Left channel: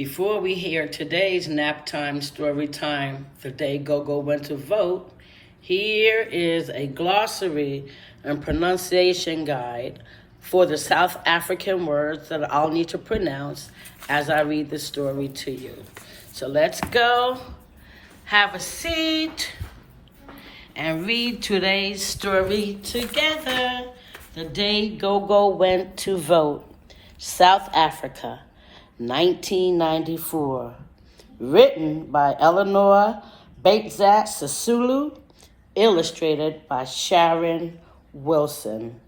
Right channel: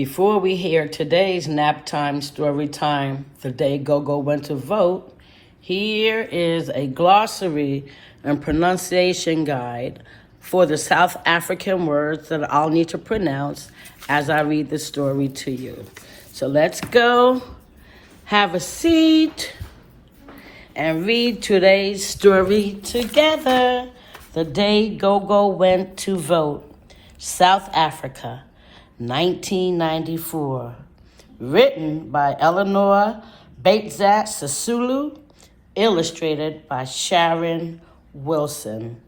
Before we hear today's nap time story time, the day Gogo went to vote, here is a glossary and pronunciation guide for the South African words that I'll need to pronounce as I read the story to you. So let's go, have a seat, and read today's story together. The day Gogo went to vote, South Africa, 1994. Written by Eleanor Baitzak Sisulu, illustrated by Sharon Wilson.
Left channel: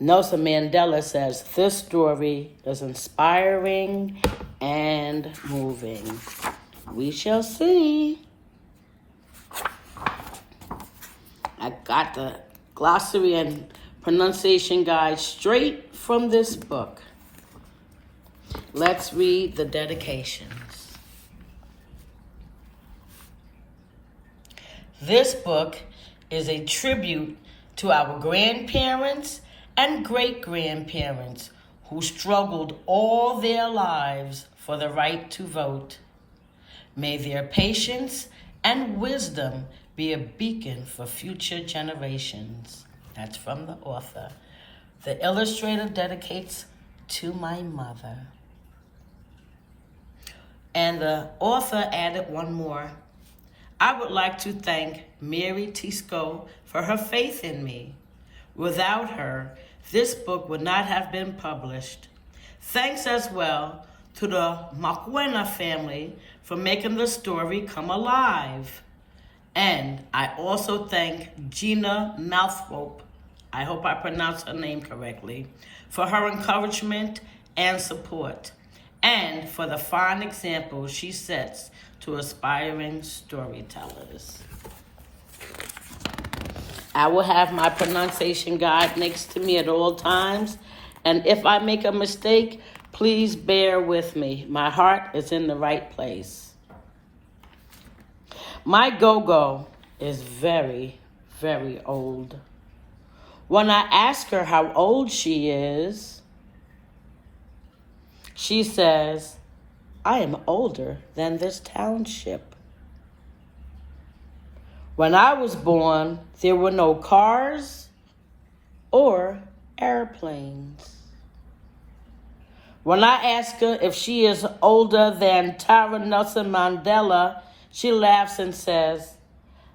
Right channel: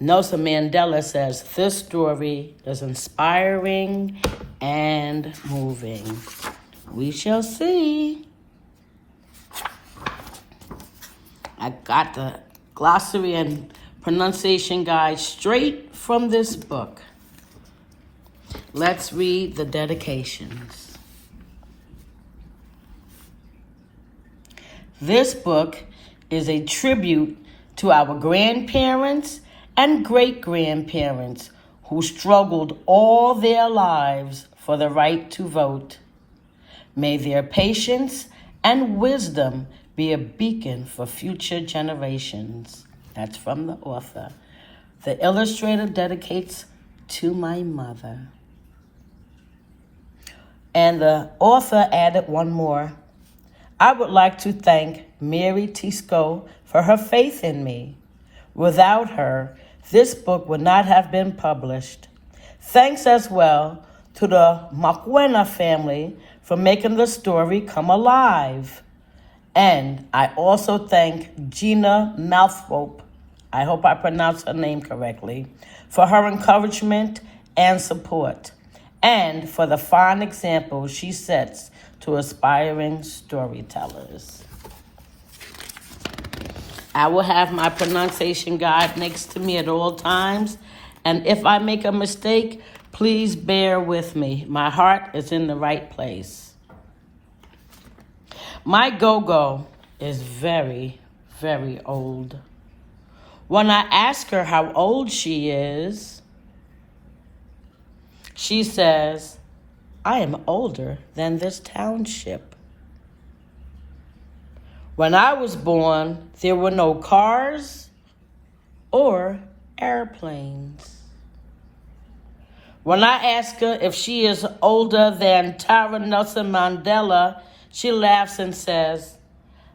Nelson Mandela says this story is inspiring and moving. We shall see. I got the glossary and pronunciation guide straight from this book. Let's read the dedications. This book is a tribute to our grandparents and great-grandparents who struggled all their lives for the right to vote. May their patience and wisdom be a beacon for future generations. That's from the author. The illustrator dedicates to my mother. And the author added one more. I would like to thank Mary Tisco for her faith in me. Without her, this book would not have been published. Thanks as well to the Makwena family for making the story come alive. And I also thank Gina Mouthrope, I hope I pronounced her name correctly, for her encouragement and support, and for the fine example she sets to aspiring storytellers. I will have my pronunciation guide next to me at all times, and if I make a mistake, please bear with me. My heart is in the right place. My Gogo is very, very old. When I ask her how old she is, she says, I am older than this township. When I was born, there were no cars or airplanes. When I ask her if she is older than Tara Nelson Mandela, she laughs and says,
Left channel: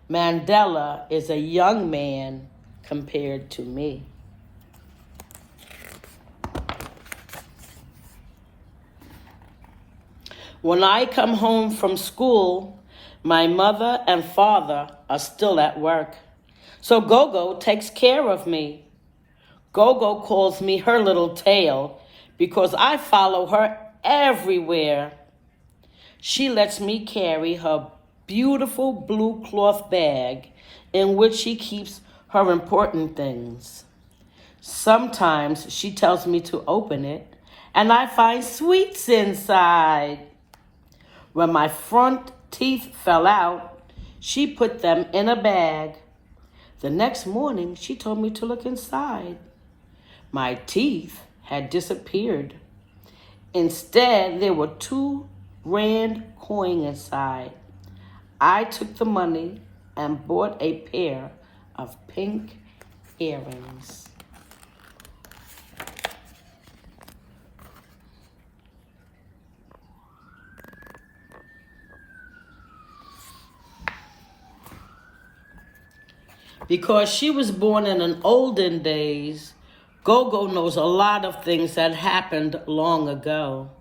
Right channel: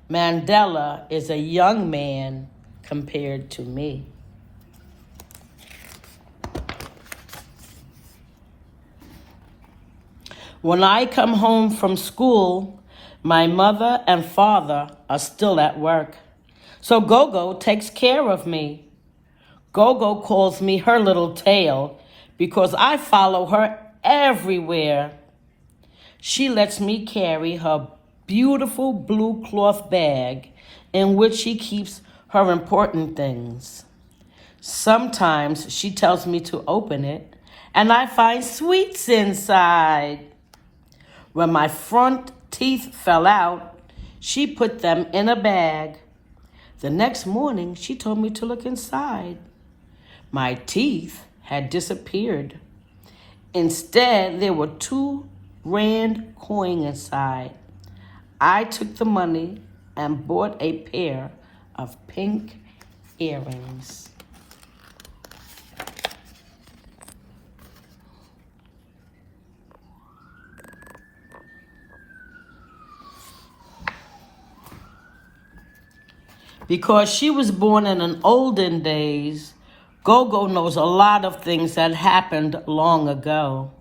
Mandela is a young man compared to me. When I come home from school, my mother and father are still at work. So Gogo takes care of me. Gogo calls me her little tail because I follow her everywhere. She lets me carry her beautiful blue cloth bag in which she keeps her important things. Sometimes she tells me to open it and I find sweets inside. When my front teeth fell out, she put them in a bag. The next morning, she told me to look inside. My teeth had disappeared. Instead, there were 2 rand coins inside. I took the money and bought a pair of pink earrings. Because she was born in an olden days, Gogo knows a lot of things that happened long ago.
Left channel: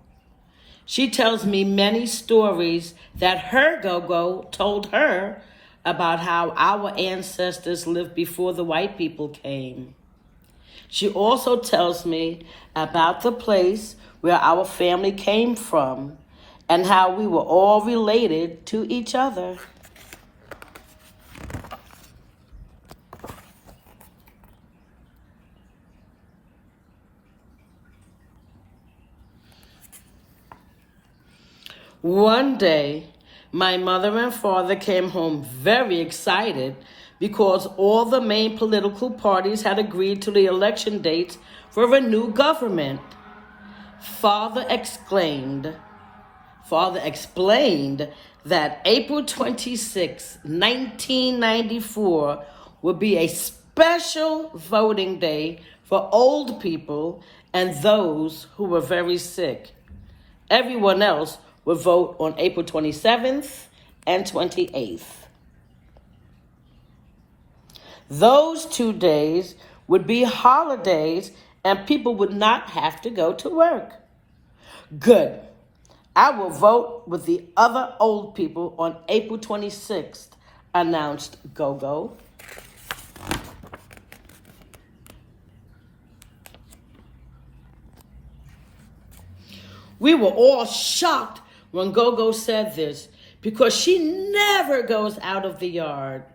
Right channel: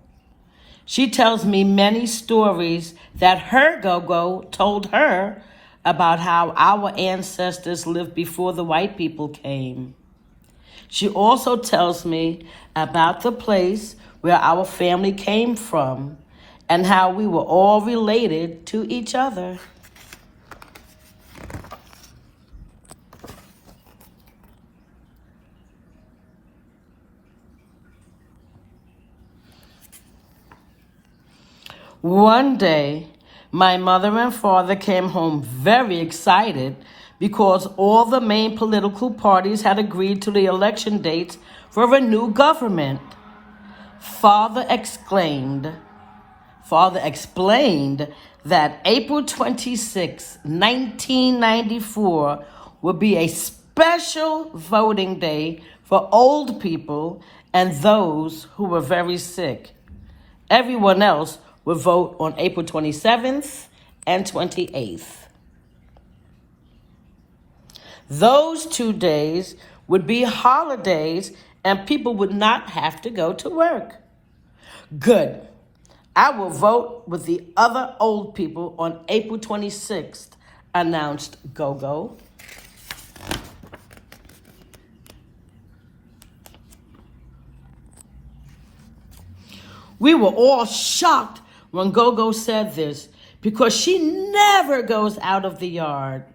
She tells me many stories that her Gogo told her about how our ancestors lived before the white people came. She also tells me about the place where our family came from and how we were all related to each other. One day, my mother and father came home very excited because all the main political parties had agreed to the election dates for a new government. Father exclaimed, Father explained that April 26, 1994 would be a special voting day for old people and those who were very sick. Everyone else would vote on April 27th and 28th. Those 2 days would be holidays and people would not have to go to work. Good. I will vote with the other old people on April 26th, announced Gogo. We were all shocked when Gogo said this because she never goes out of the yard.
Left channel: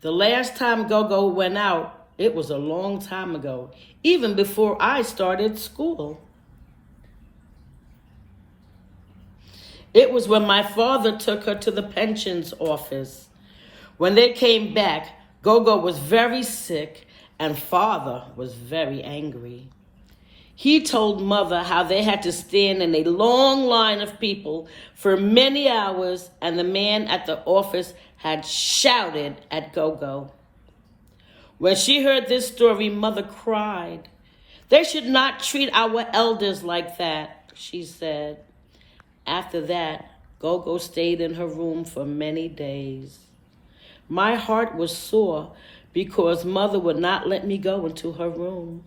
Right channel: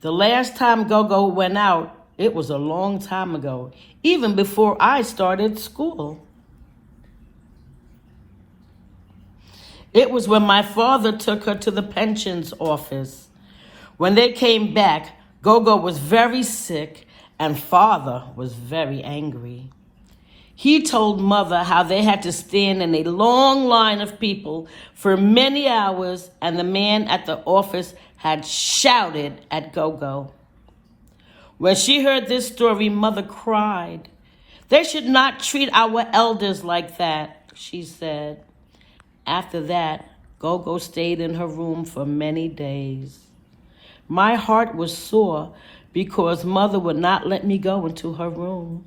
The last time Gogo went out, it was a long time ago, even before I started school. It was when my father took her to the pensions office. When they came back, Gogo was very sick and father was very angry. He told mother how they had to stand in a long line of people for many hours and the man at the office had shouted at Gogo. When she heard this story, mother cried. They should not treat our elders like that, she said. After that, Gogo stayed in her room for many days. My heart was sore because mother would not let me go into her room.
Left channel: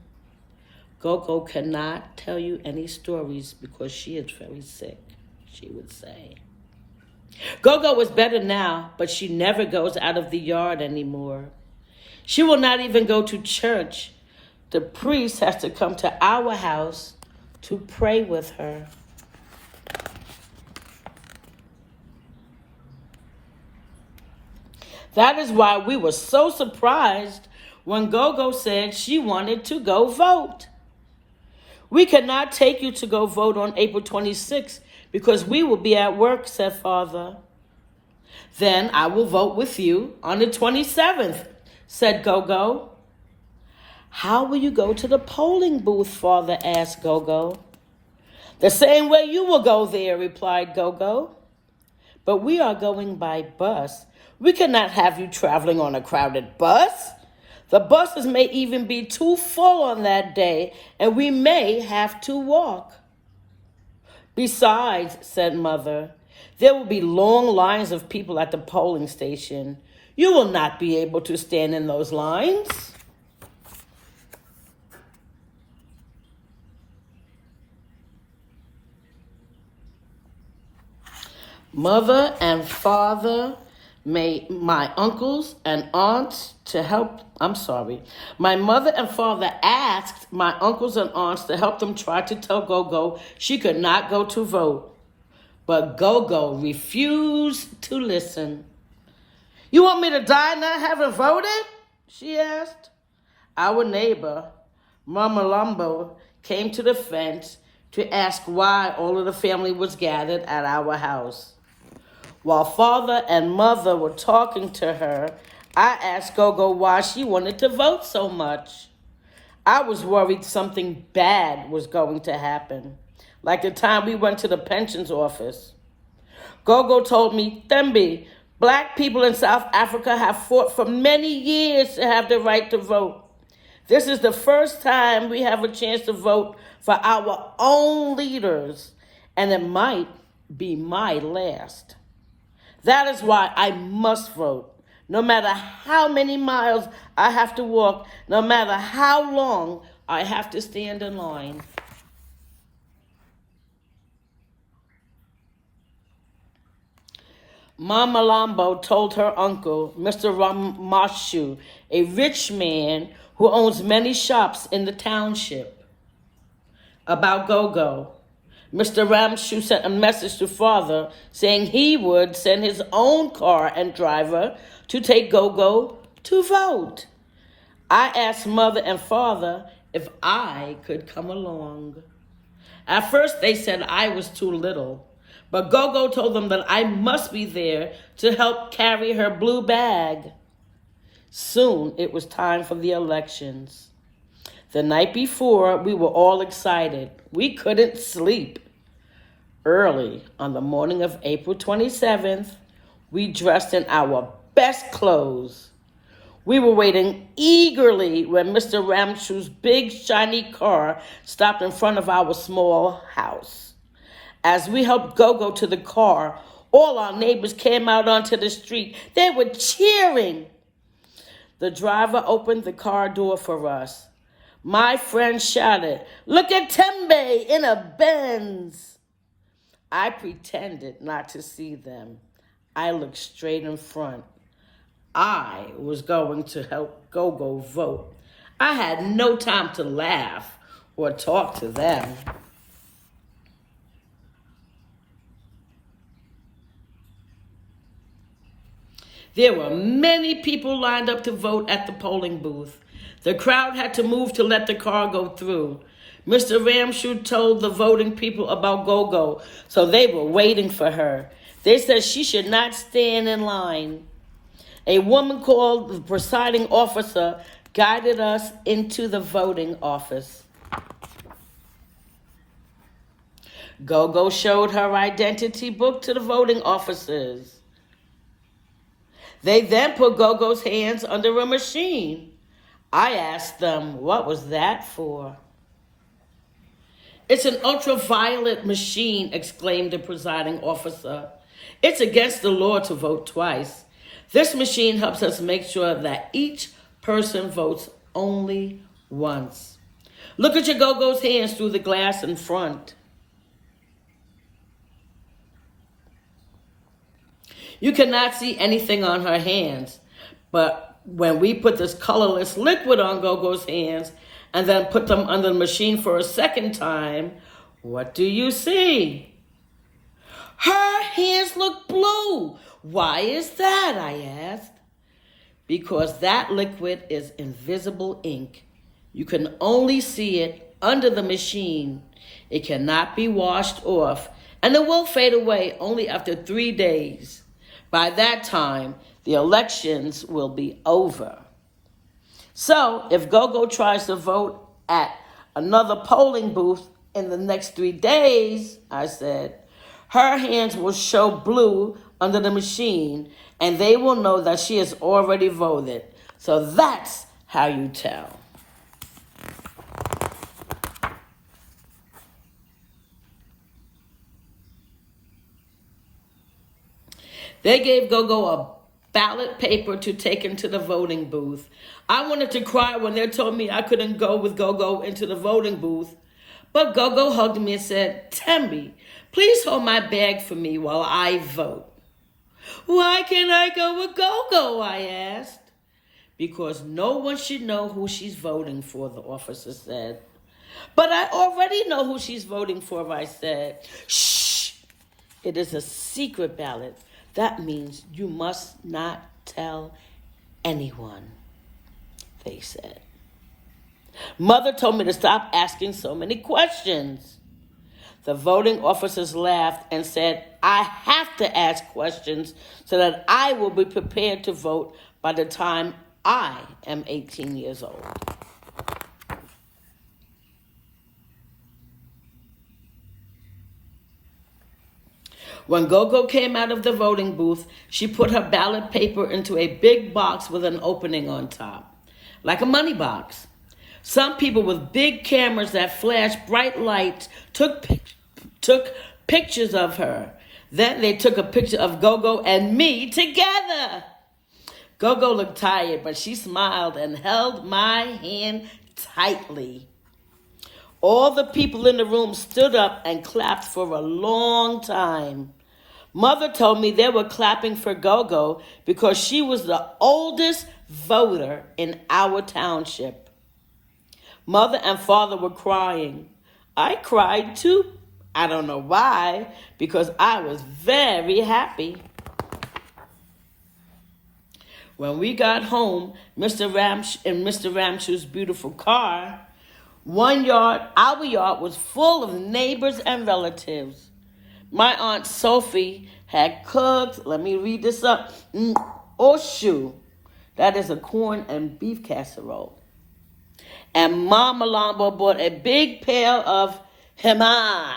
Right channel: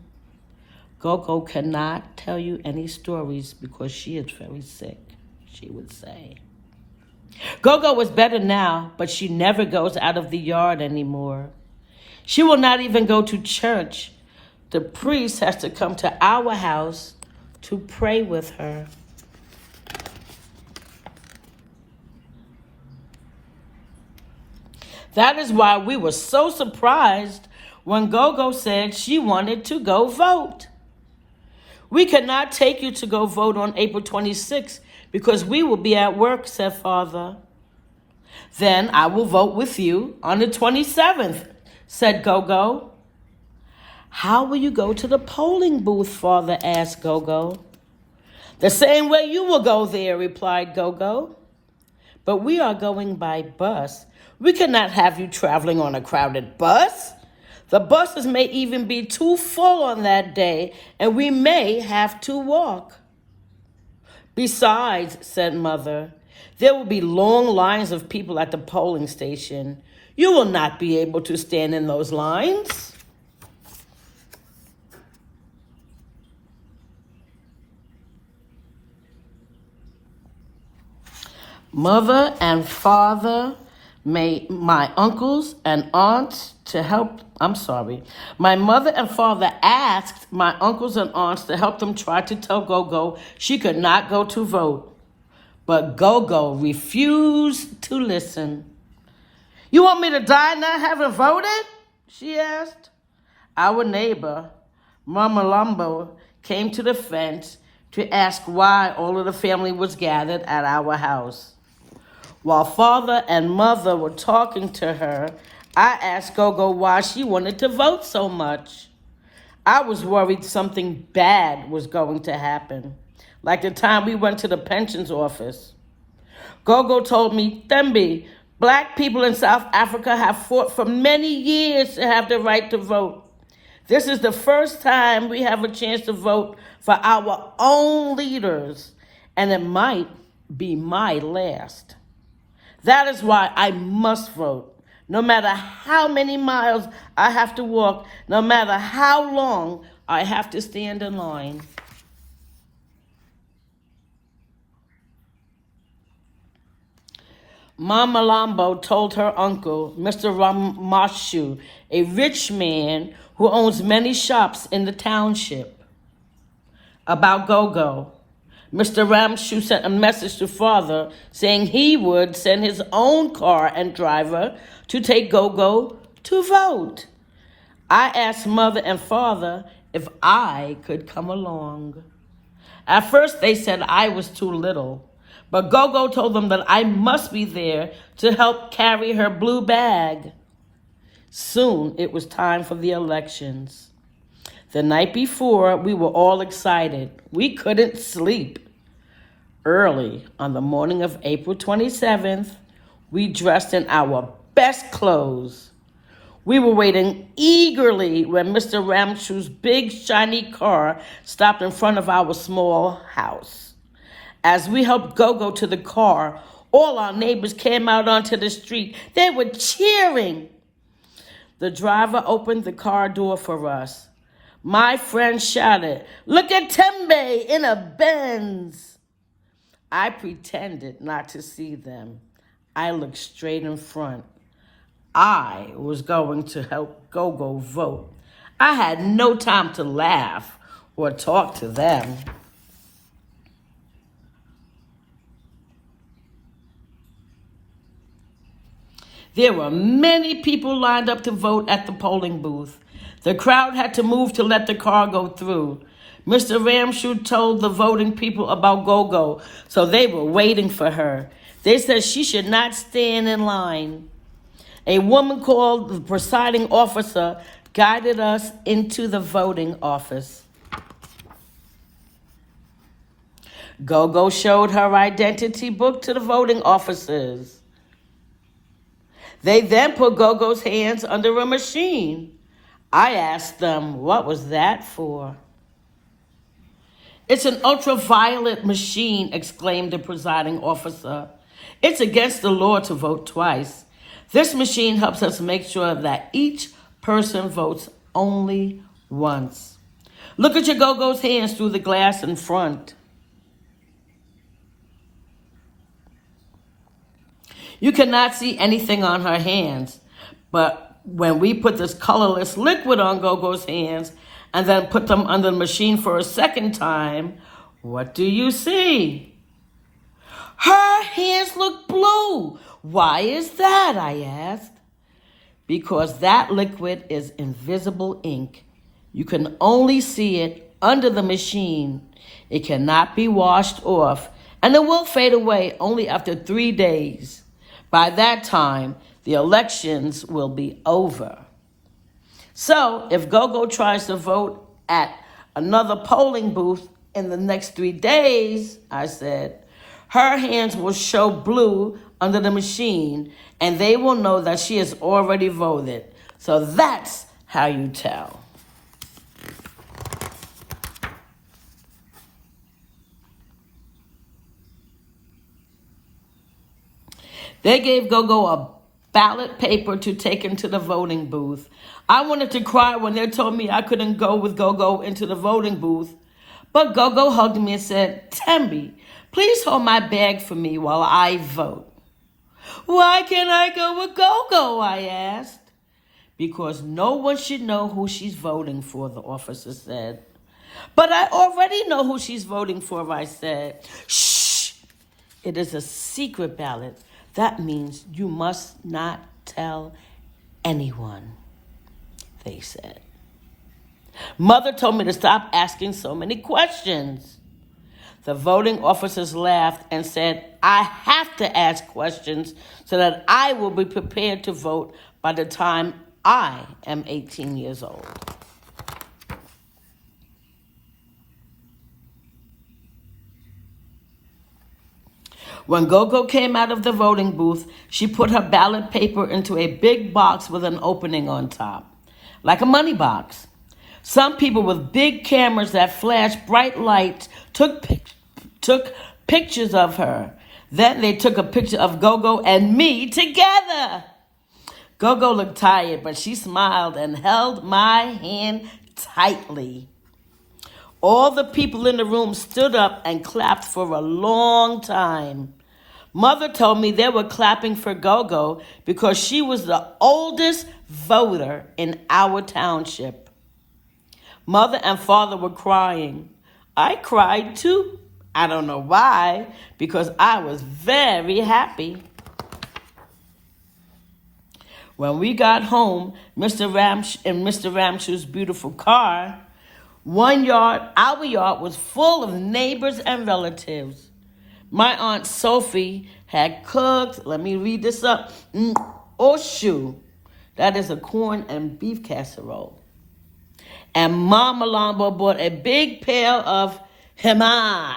Gogo cannot tell you any stories because she is very sick, she would say. Gogo is better now, but she never goes out of the yard anymore. She will not even go to church. The priest has to come to our house to pray with her. That is why we were so surprised when Gogo said she wanted to go vote. We cannot take you to go vote on April 26th because we will be at work, said Father. Then I will vote with you on the 27th, said Gogo. How will you go to the polling booth, Father asked Gogo. The same way you will go there, replied Gogo. But we are going by bus. We cannot have you traveling on a crowded bus. The buses may even be too full on that day, and we may have to walk. Besides, said Mother, there will be long lines of people at the polling station. You will not be able to stand in those lines. Mother and Father made my uncles and aunts to help, my mother and father asked my uncles and aunts to help them try to tell Gogo she could not go to vote. But Gogo refused to listen. You want me to die not having voted? She asked. Our neighbor, Mama Lumbo, came to the fence to ask why all of the family was gathered at our house. While Father and Mother were talking to her, I asked Gogo why she wanted to vote so much. I was worried something bad was going to happen, like the time we went to the pensions office. Gogo told me, Thembi, black people in South Africa have fought for many years to have the right to vote. This is the first time we have a chance to vote for our own leaders, and it might be my last. That is why I must vote, no matter how many miles I have to walk, no matter how long I have to stand in line. Mama Lambo told her uncle, Mr. Ramashu, a rich man who owns many shops in the township, about Gogo. Mr. Ramshu sent a message to Father saying he would send his own car and driver to take Gogo to vote. I asked Mother and Father if I could come along. At first they said I was too little, but Gogo told them that I must be there to help carry her blue bag. Soon it was time for the elections. The night before, we were all excited. We couldn't sleep. Early on the morning of April 27th, we dressed in our best clothes. We were waiting eagerly when Mr. Ramshu's big shiny car stopped in front of our small house. As we helped Gogo to the car, all our neighbors came out onto the street. They were cheering. The driver opened the car door for us. My friend shouted, "Look at Tembe in a Benz." I pretended not to see them. I looked straight in front. I was going to help Gogo vote. I had no time to laugh or talk to them. There were many people lined up to vote at the polling booth. The crowd had to move to let the car go through. Mr. Ramshu told the voting people about Gogo, so they were waiting for her. They said she should not stand in line. A woman called the presiding officer guided us into the voting office. Gogo showed her identity book to the voting officers. They then put Gogo's hands under a machine. I asked them, what was that for? "It's an ultraviolet machine," exclaimed the presiding officer. "It's against the law to vote twice. This machine helps us make sure that each person votes only once. Look at your Gogo's hands through the glass in front. You cannot see anything on her hands, but when we put this colorless liquid on Gogo's hands and then put them under the machine for a second time, what do you see?" "Her hands look blue. Why is that?" I asked. "Because that liquid is invisible ink. You can only see it under the machine. It cannot be washed off, and it will fade away only after 3 days. By that time, the elections will be over. So if Gogo tries to vote at another polling booth in the next 3 days," I said, "her hands will show blue under the machine, and they will know that she has already voted. So that's how you tell." They gave Gogo a ballot paper to take into the voting booth. I wanted to cry when they told me I couldn't go with Gogo into the voting booth. But Gogo hugged me and said, "Tembe, please hold my bag for me while I vote." "Why can't I go with Gogo?" I asked. "Because no one should know who she's voting for," the officer said. "But I already know who she's voting for," I said. "Shh! It is a secret ballot. That means you must not tell anyone," they said. Mother told me to stop asking so many questions. The voting officers laughed and said, "I have to ask questions so that I will be prepared to vote by the time I am 18 years old." When Gogo came out of the voting booth, she put her ballot paper into a big box with an opening on top, like a money box. Some people with big cameras that flashed bright lights took pictures of her. Then they took a picture of Gogo and me together. Gogo looked tired, but she smiled and held my hand tightly. All the people in the room stood up and clapped for a long time. Mother told me they were clapping for Gogo because she was the oldest voter in our township. Mother and Father were crying. I cried too. I don't know why, because I was very happy. When we got home, in Mr. Ramshu's beautiful car, our yard was full of neighbors and relatives. My Aunt Sophie had cooked, let me read this up, oshu, that is a corn and beef casserole. And Mama Lambo bought a big pail of hema.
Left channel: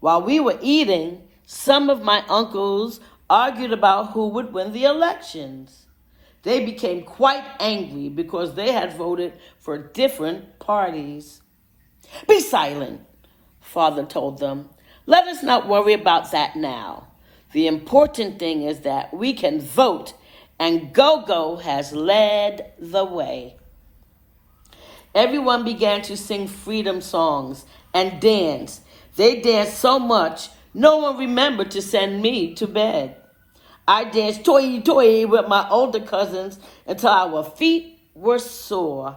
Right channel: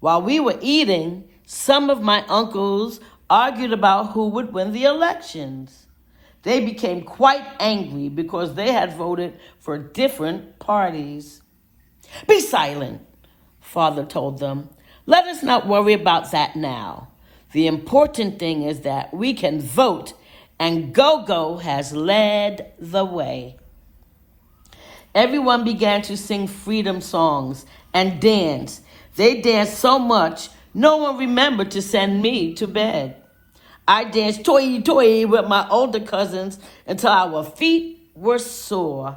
While we were eating, some of my uncles argued about who would win the elections. They became quite angry because they had voted for different parties. "Be silent," Father told them. "Let us not worry about that now. The important thing is that we can vote, and Gogo has led the way." Everyone began to sing freedom songs and dance. They danced so much, no one remembered to send me to bed. I danced toy with my older cousins until our feet were sore.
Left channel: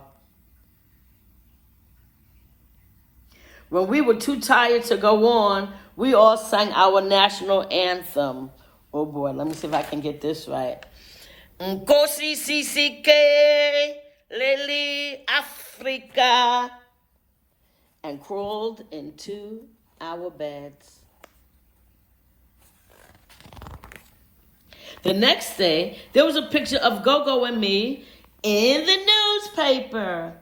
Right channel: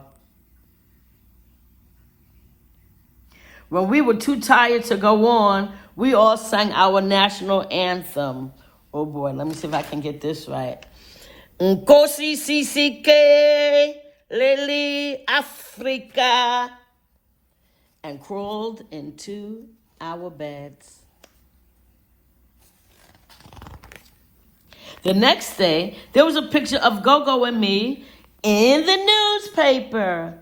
When we were too tired to go on, we all sang our national anthem. Oh boy, let me see if I can get this right. Nkosi Sisike, Lili Africa, and crawled into our beds. The next day, there was a picture of Gogo and me in the newspaper.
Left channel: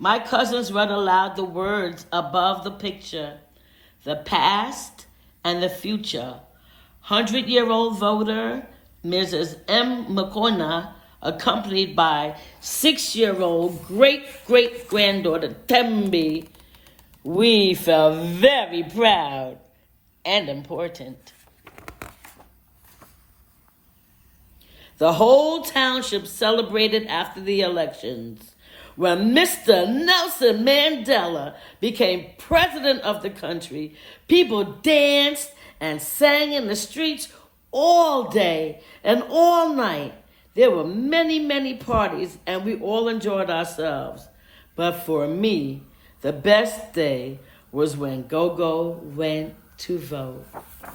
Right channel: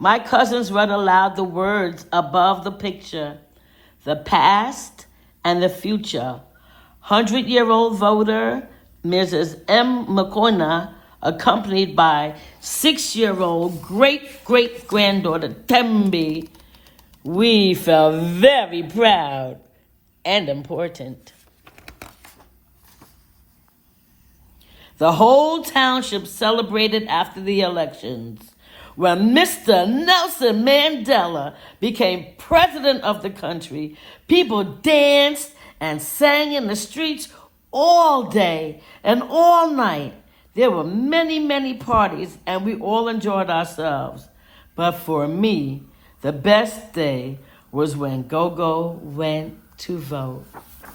My cousins read aloud the words above the picture: "The past and the future. 100-year-old voter, Mrs. M. McCona, accompanied by 6-year-old great-great-granddaughter Tembi." We felt very proud and important. The whole township celebrated after the elections. When Mr. Nelson Mandela became president of the country, people danced and sang in the streets all day and all night. There were many, many parties, and we all enjoyed ourselves. But for me, the best day was when Gogo went to vote.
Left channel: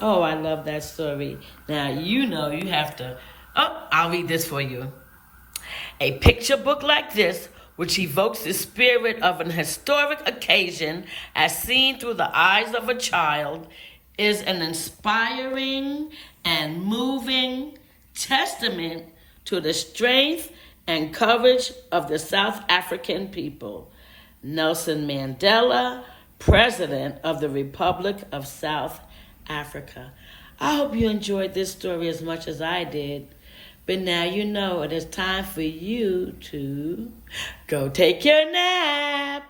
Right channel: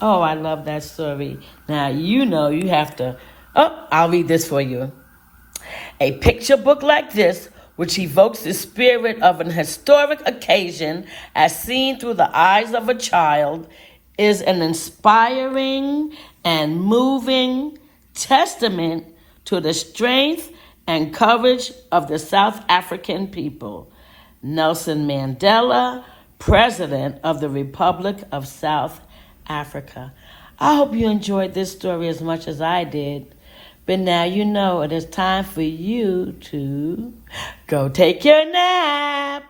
Oh, I love that story. Now, you know you have to... Oh, I'll read this for you. "A picture book like this, which evokes the spirit of an historic occasion as seen through the eyes of a child, is an inspiring and moving testament to the strength and courage of the South African people. Nelson Mandela, President of the Republic of South Africa." I hope you enjoyed this story as much as I did. But now you know it is time for you to go take your nap.